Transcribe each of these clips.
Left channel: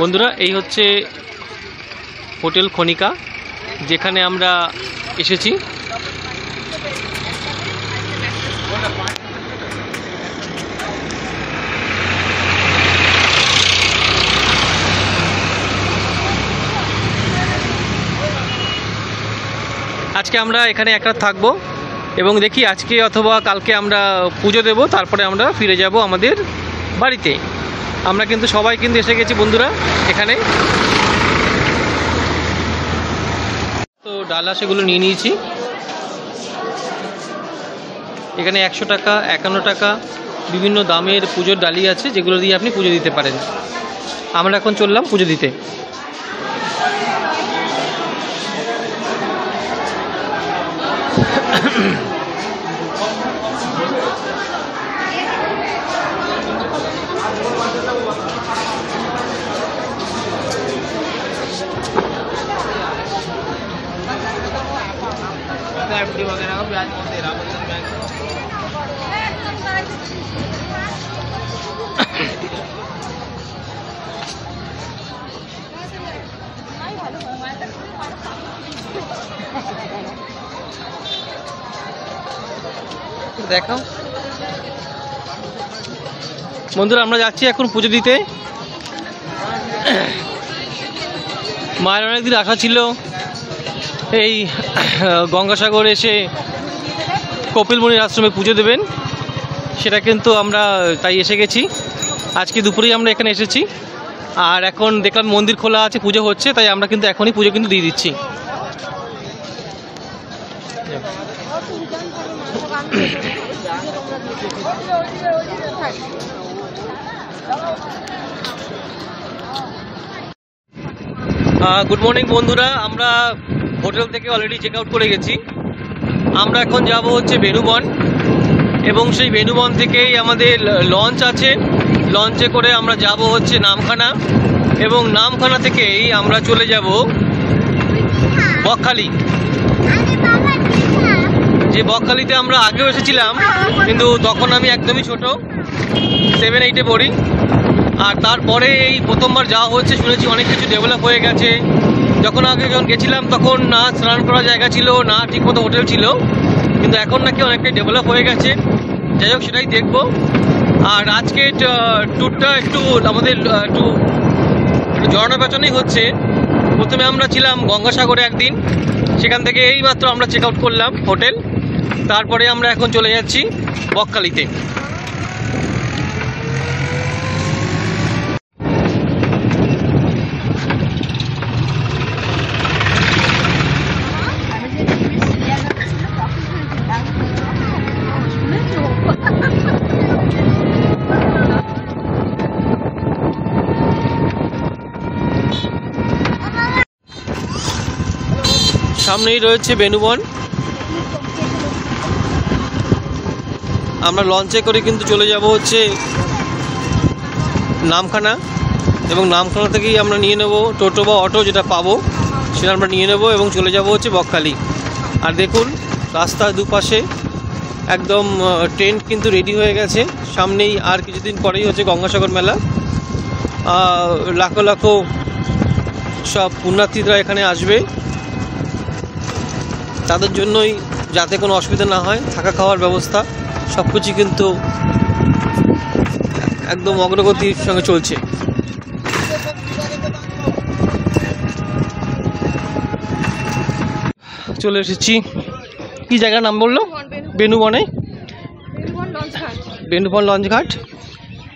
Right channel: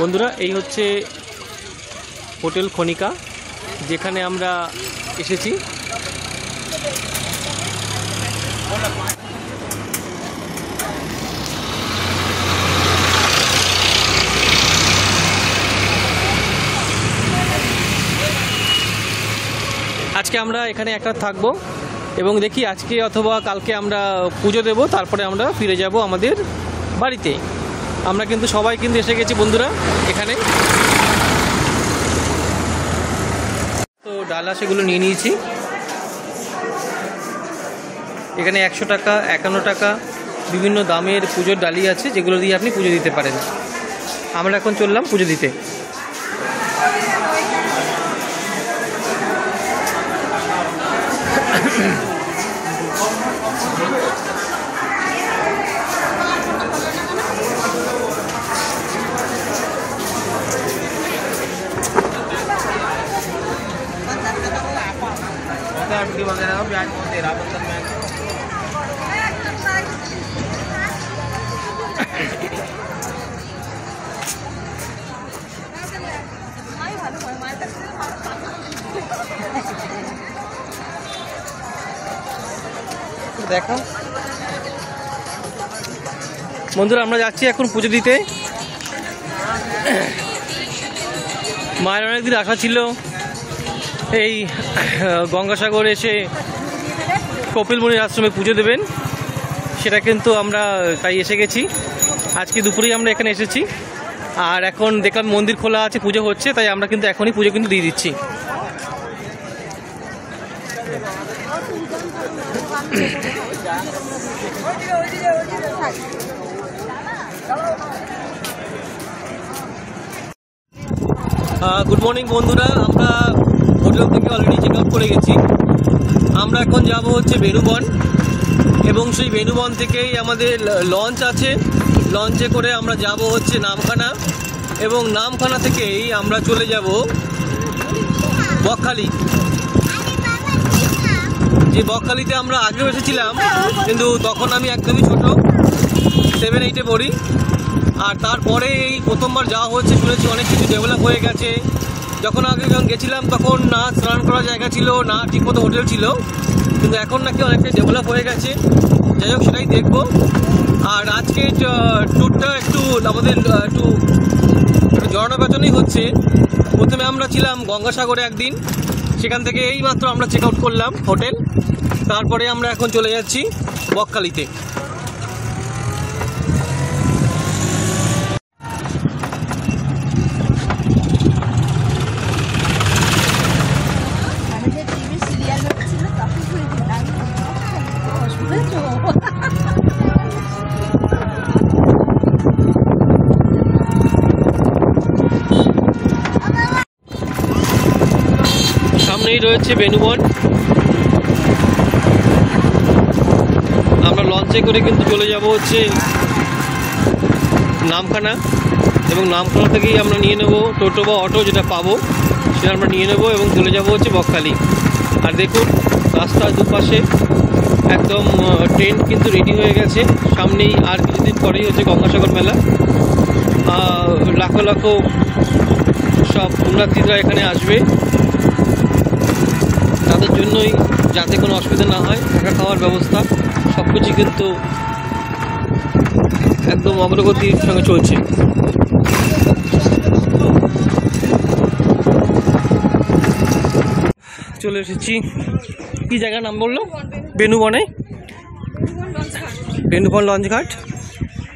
বন্ধুরা এই হচ্ছে হোটেল খনিকা, যেখানে আমরা এসেছি। আজকে আমরা এখানে এক রাত থাকবো এবং দেখি আজকে অথবা কালকে আমরা পুজো দেব, তারপরে আমরা ফিরে যাব আমাদের বাড়িতে। আমরা কিন্তু সবাই কিন্তু এসে গেছি বন্ধুরা এখানে। তো ডালা সেগুলো নিয়ে নিয়েছি। এখানে 100 টাকা, 51 টাকা বিভিন্ন দামের পুজোর ডালি আছে, যেগুলো দিয়ে আপনি পুজো দিতে পারেন। আমরা এখন চললাম পুজো দিতে। দেখাও বন্ধুরা, আমরা যাচ্ছি এখন পুজো দিতে। মায়ের অনেকদিন আশা ছিল এই গঙ্গাসাগর এসে কপিলমুনির আশ্রমে পুজো দেবেন, সেটা কিন্তু আমরা তাই এসে গেছি। আজকে দুপুরেই আমরা এখানে এসেছি, আর এখন দেখলাম মন্দির খোলা আছে, পুজো হচ্ছে, তাই আমরা কিন্তু এখনই পুজো কিন্তু দিয়ে দিচ্ছি। গুড মর্নিং বন্ধুরা, আমরা হোটেল থেকে অলরেডি চেক আউট করে গেছি। আমরা এখন যাব হচ্ছে বেনুবন, এবং সেই বেনুবন থেকেই আমাদের লঞ্চ আছে। লঞ্চে করে আমরা যাব হচ্ছে নামখানা, এবং নামখানা থেকেই আমরা চলে যাব বকখালি। যে বকখালিতে আমরা আগেও এসেছিলাম, কিন্তু তখন আমি একদমই ছোট, 7-8-এ পড়ি। আর তারপরে এই প্রথমবার যাওয়া হচ্ছে, শুনেছি অনেক কিছু ডেভেলপ হয়ে গেছে। যখন গেছিলাম তখন না স্নান করার জায়গা ছিল, না ঠিকমতো হোটেল ছিল, কিন্তু এখন নাকি অনেকটাই ডেভেলপ হয়ে গেছে। যাই হোক, সেটাই দেখব। আর আজকে ট্যুরটা একটু আমাদের একটু ঝর্ণা পেছনেই হচ্ছে। প্রথমে আমরা ছিলাম গঙ্গাসাগরে একদিন, সেখান থেকে এই মাত্র আমরা চেক আউট করলাম হোটেল। তারপরে আমরা এখন চলে যাচ্ছি বকখালিতে। সামনেই রয়েছে বেনুবন। আমরা লঞ্চে করে কিন্তু চলে যাব হচ্ছে নামখানা, এবং নামখানা থেকেই আমরা নিয়ে নেব টোটো বা অটো, যেটা পাবো সেটা আমরা নিয়ে নেব এবং চলে যাব হচ্ছে বকখালি। আর দেখুন রাস্তার দুপাশে একদম ট্রেন কিন্তু রেডি হয়ে গেছে। সামনেই আর কিছুদিন পরেই হচ্ছে গঙ্গাসাগর মেলা। লাখো লাখো সব পুণ্যার্থীরা এখানে আসবে, তাদের জন্যই যাতে কোনো অসুবিধা না হয়, থাকা খাওয়ার ব্যবস্থা সব কিছু কিন্তু একদম অগ্রগতির সঙ্গে চলছে। চলে এসেছি, কি জায়গার নাম বললো? বেনুবনে, বেনুবন লঞ্চ ঘাট।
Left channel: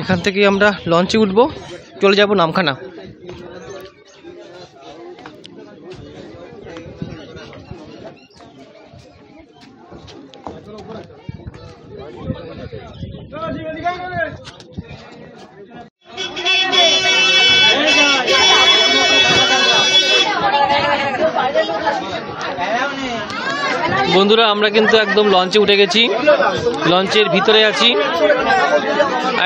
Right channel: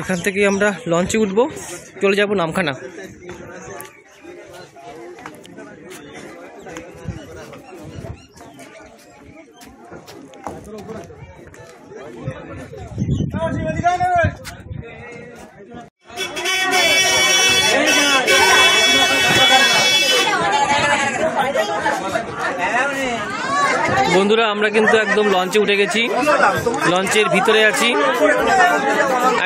এখান থেকে আমরা লঞ্চে উঠবো, চলে যাব নামখানা। বন্ধুরা, আমরা কিন্তু একদম লঞ্চে উঠে গেছি, লঞ্চের ভিতরে আছি।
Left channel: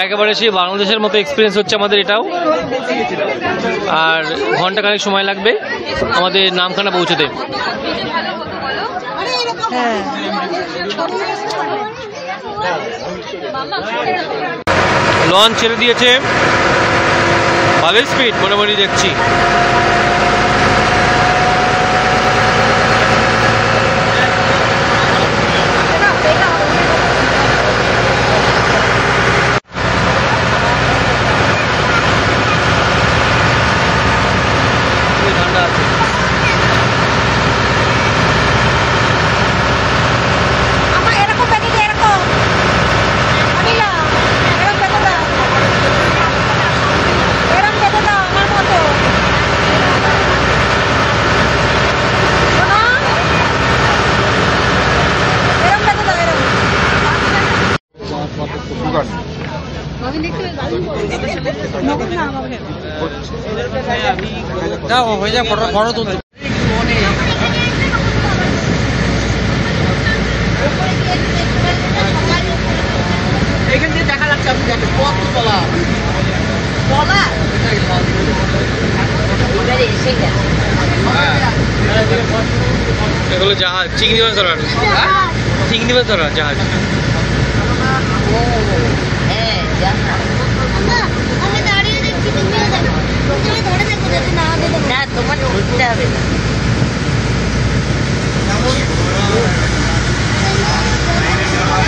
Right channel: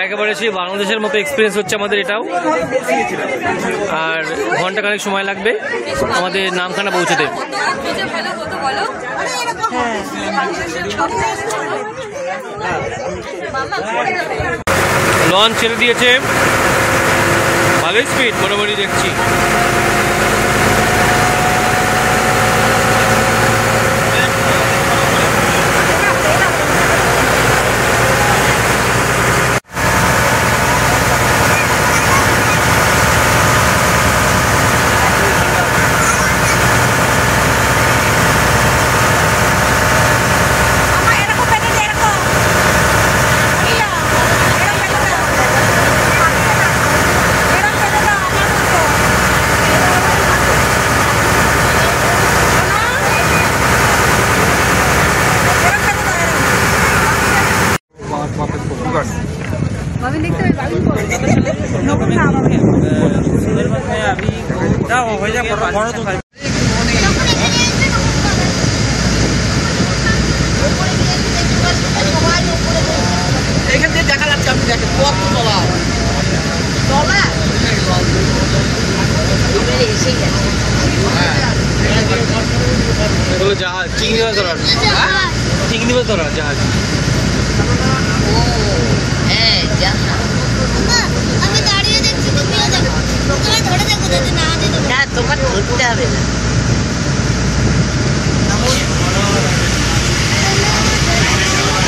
একেবারে সেই বাংলাদেশের মতো এক্সপিরিয়েন্স হচ্ছে আমাদের এটাও। আর ঘন্টাখানেক সময় লাগবে আমাদের নামখানা পৌঁছতে। লঞ্চ ছেড়ে দিয়েছে, ভালোই স্পিড মোটামুটি দেখছি। এগুলো জাহাজ, চিংড়ি মাছ ধরার, চিংড়ি মাছ ধরার জাহাজ। আমি দাঁড়িয়ে দেখছি, তুমিও দেখো, তুমি ধরে দেখো যদি না যেতে না তোমার ধরতে হবে না।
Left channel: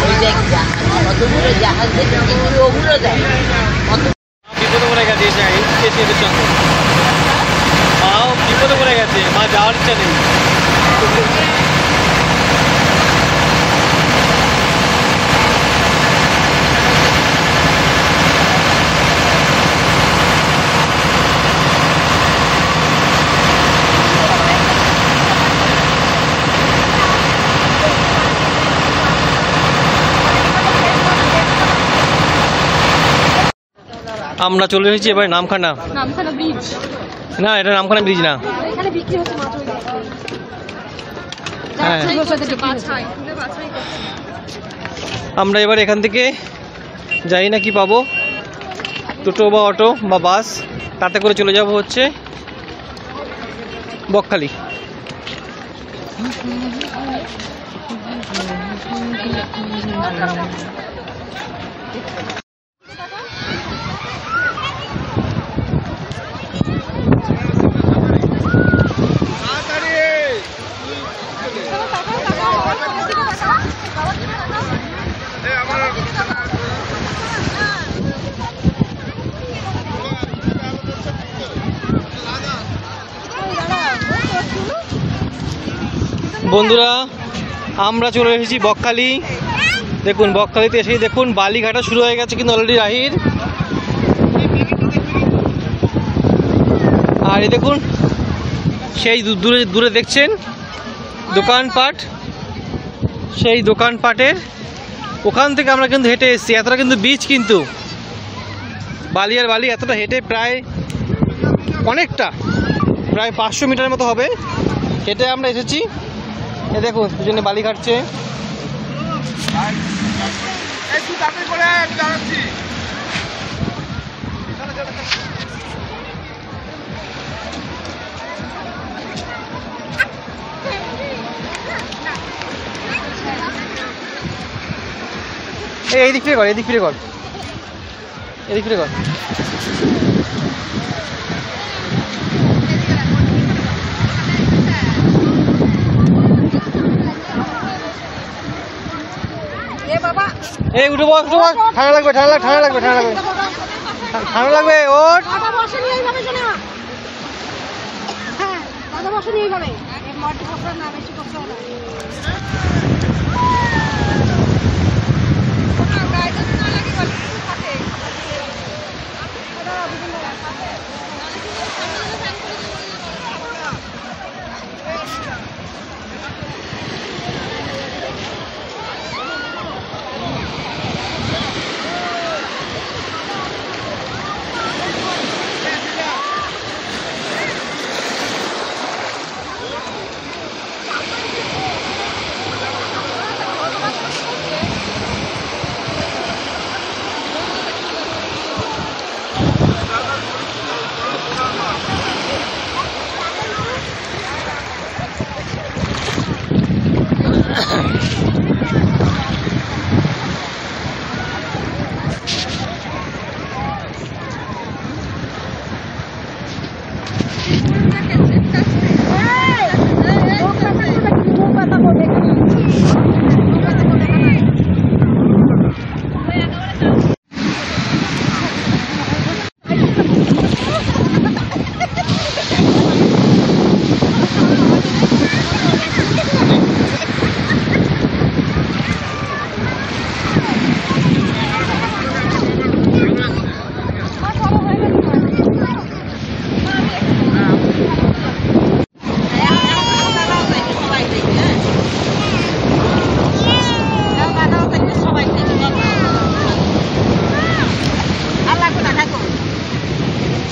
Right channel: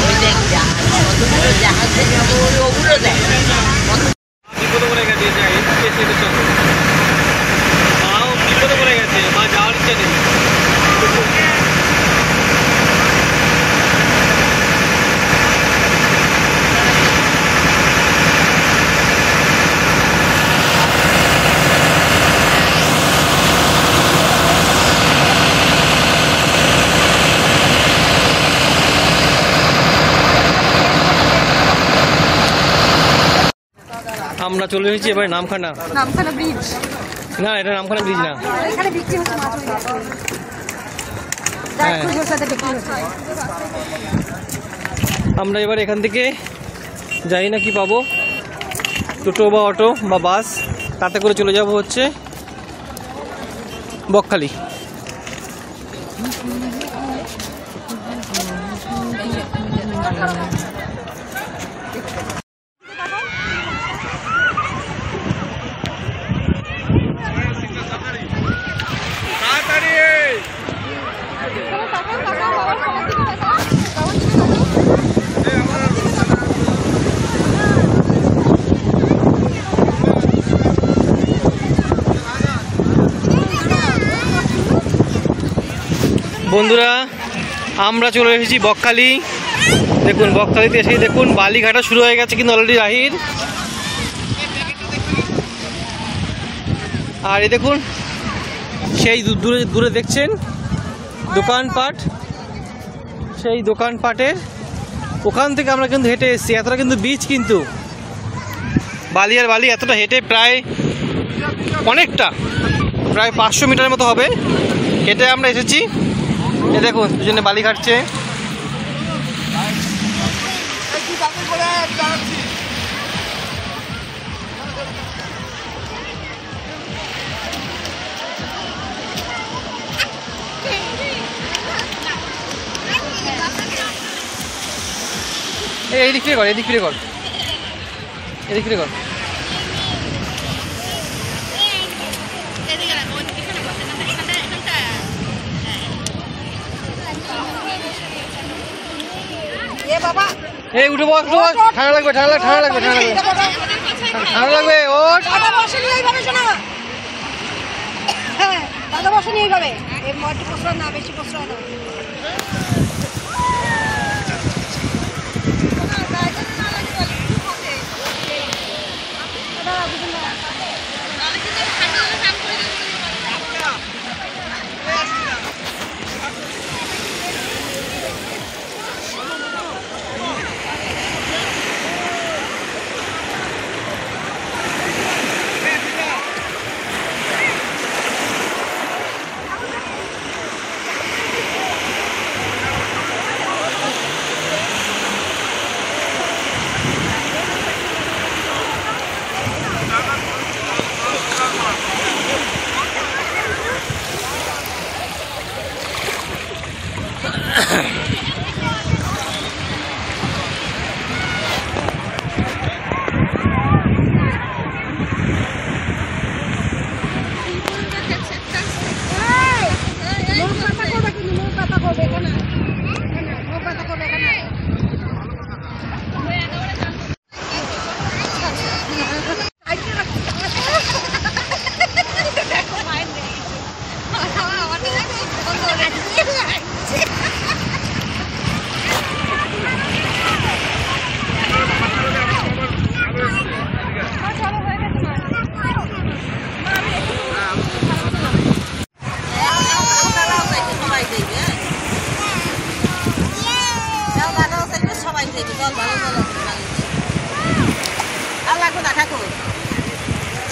ওই দেখ কতগুলো জাহাজ থেকে ওগুলো দেখ বিপদে পড়ে গেছে, এদের সঙ্গে মাও বিপদে পড়ে গেছে, মা যাওয়ার ইচ্ছা নেই। আমরা চলে এসেছি এবার নামখানা। নামখানা ব্রিজ না, এটা নামখানা ব্রিজ না। এখানে বিক্রি হচ্ছে মাছ। হ্যাঁ, আমরা এবার এখান থেকে যাই না কি পাবো, টোটো বা অটো বা বাস, তাতে করে চলে যাব হচ্ছে বকখালি। বন্ধুরা, আমরা চলে এসেছি বকখালি। দেখুন, বকখালিতে এসেই দেখুন বালিঘাটা শুরু হয়ে গেছে কিন্তু অলরেডি রাহির। আর এই দেখুন সেই দূরে দূরে দেখছেন দোকানপাট, সেই দোকানপাটের ওখান থেকে আমরা কিন্তু হেঁটে এসেছি। এতটা কিন্তু বীচ, কিন্তু বালি আর বালি এতটা হেঁটে প্রায় অনেকটা, প্রায় 500 মিটারের মতো হবে হেঁটে আমরা এসেছি। এ দেখুন দুজনে বালি কাটছে। এই দিক ফিরে কর, এদিক ফিরে কর, এদিক ফিরে কর। এই উঠে বস, ঠান্ডা লাগবে, ঠান্ডা লাগবে, ঠান্ডা লাগবে, ঠান্ডা লাগবে, ঠান্ডা লাগবে। ওঠ,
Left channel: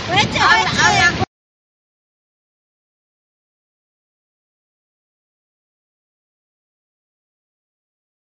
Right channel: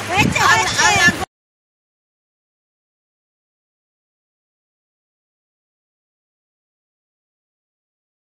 হয়েছে